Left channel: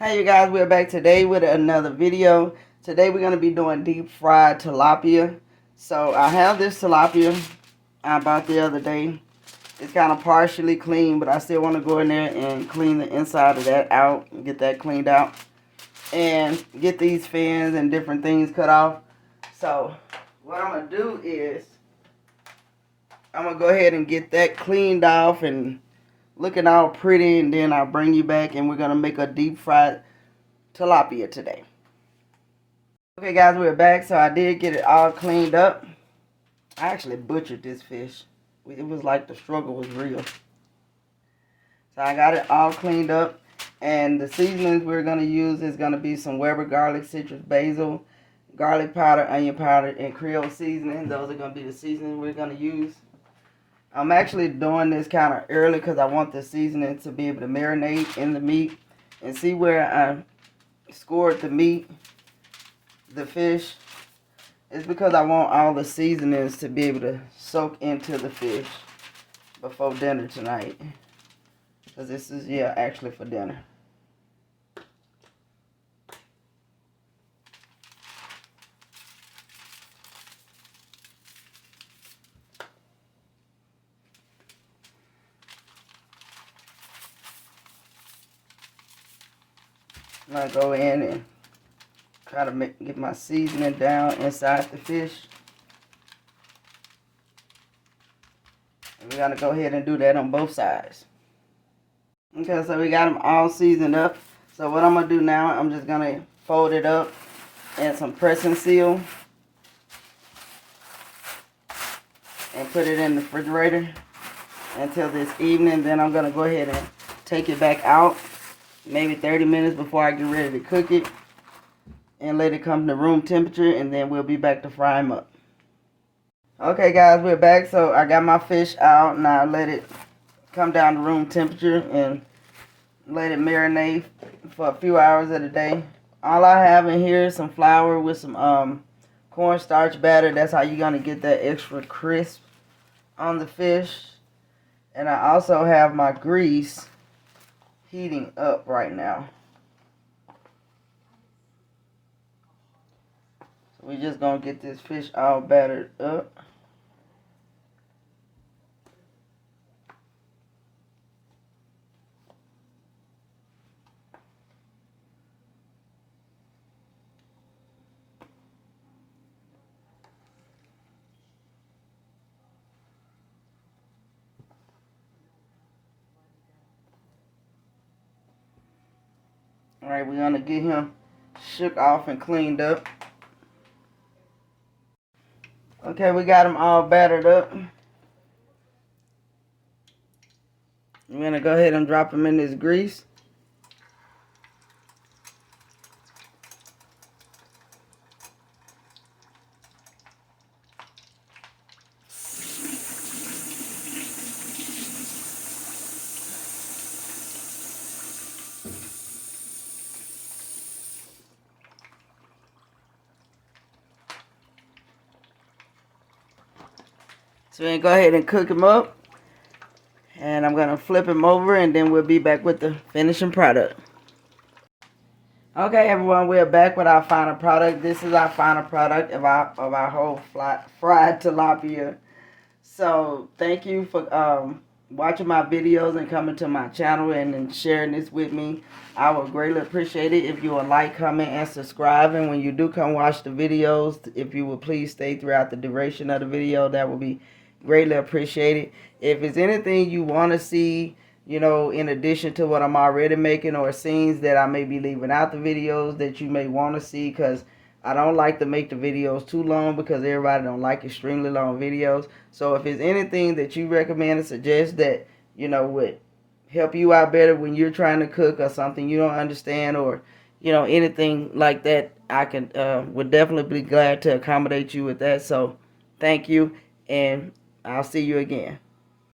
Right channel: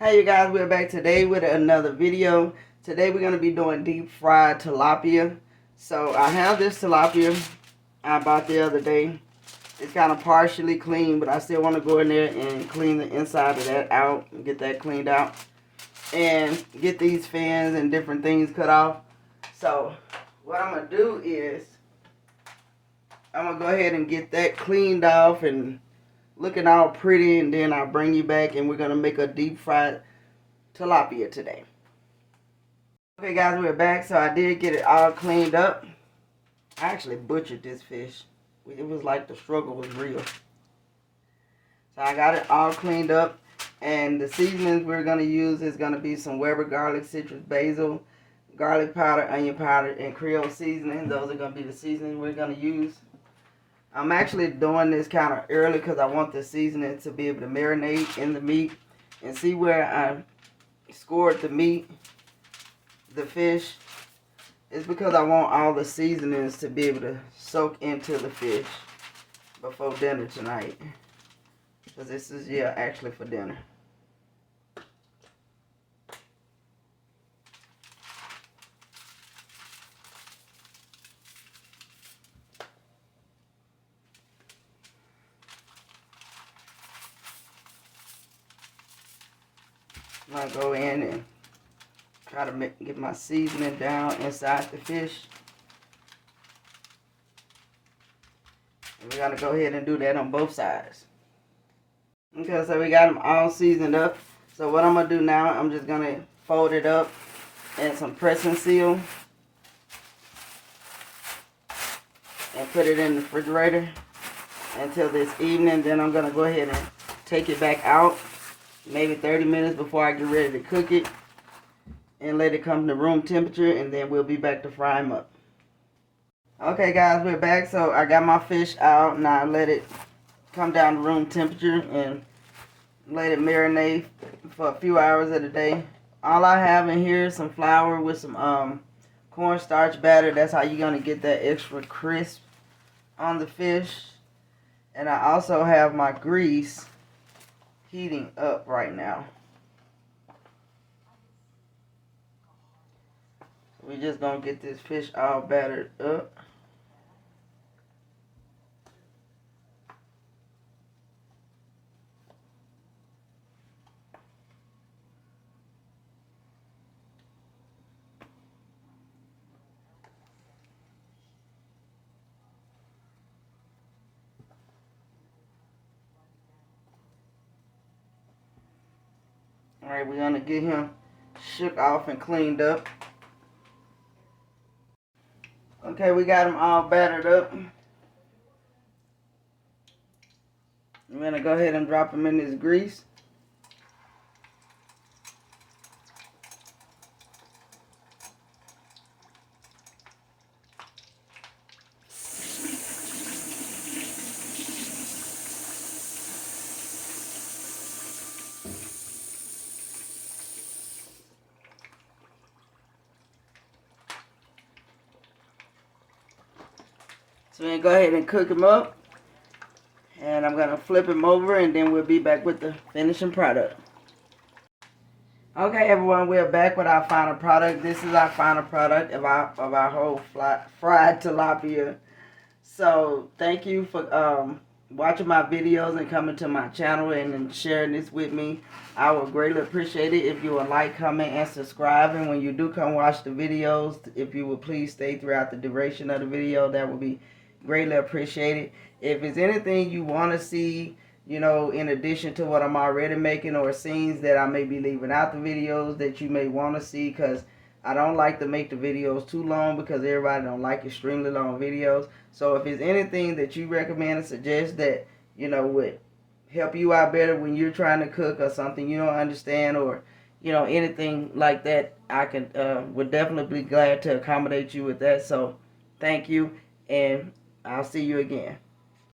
Hi you guys, we're back today with another video. Today we're going to be doing deep fried tilapia. So I have this tilapia I bought the other day. It's kind of partially clean, but I still want to go in there and clean the inside of that out and get that cleaned out. And get these fins and different things cut off. So what I'm going to do is I'm going to go ahead and get that cleaned off and looking all pretty, and then I'll bring you back and we're going to make a deep fried tilapia today. Okay guys, we're back. So I did get it all cleaned up. I actually butchered this fish. It was like the struggle was real. So I got it all cleaned up, and the seasonings we're going to use is going to be some Weber garlic, citrus basil, garlic powder, onion powder, and Creole seasoning. Those are going to be the seasonings we're going to use. I'm actually doing this kind of early because I want the seasoning to be able to marinate in the meat. And see where I scored the meat, the fish, it's because I want all the seasonings to be able to soak into the fish before dinner tonight. Because this is, actually for dinner. I'm going to go in and try to get my seasoning down inside the fish. And we're going to go ahead and do that on both sides. Okay, so we got them all seasoned up. So what I'm going to do now, I'm just going to fold it up in some pressing seal and put it in the refrigerator until this evening. Then I'm going to go ahead and take it back out maybe 30 minutes before I get ready to cook it, and let it come to room temperature, and then we'll be back to fry them up. Okay guys, we're back. So I got my fish out. Now I let it come down to room temperature and let it marinate for a few hours of the day. All I have in here is some flour with some cornstarch batter. That's how you're gonna get that extra crisp on the fish. And I also have my grease heating up right now. We're just gonna get this fish all battered up. Alright, we're gonna get him shook off and cleaned up. Okay, we got them all battered up. I'm going to go ahead and drop them in this grease. So we're going to go ahead and cook them up. And I'm going to flip them over, and then we'll be back with the finishing product. Okay, everyone, we're back with our final product. This is our final product of our whole fried tilapia. So thank you for watching my videos and coming to my channel and sharing this with me. I would greatly appreciate it if you would like, comment, and subscribe. And when you do come watch the videos, if you would please stay throughout the duration of the video, that would be greatly appreciated. If it's anything you want to see, you know, in addition to what I'm already making, or scenes that I may be leaving out the videos that you may want to see, because I don't like to make the videos too long because everybody don't like extremely long videos. So if there's anything that you recommend and suggest that, you know, would help you out better when you're trying to cook, or something you don't understand, or, you know, anything like that, I can would definitely be glad to accommodate you with that. So thank you, and I'll see you again.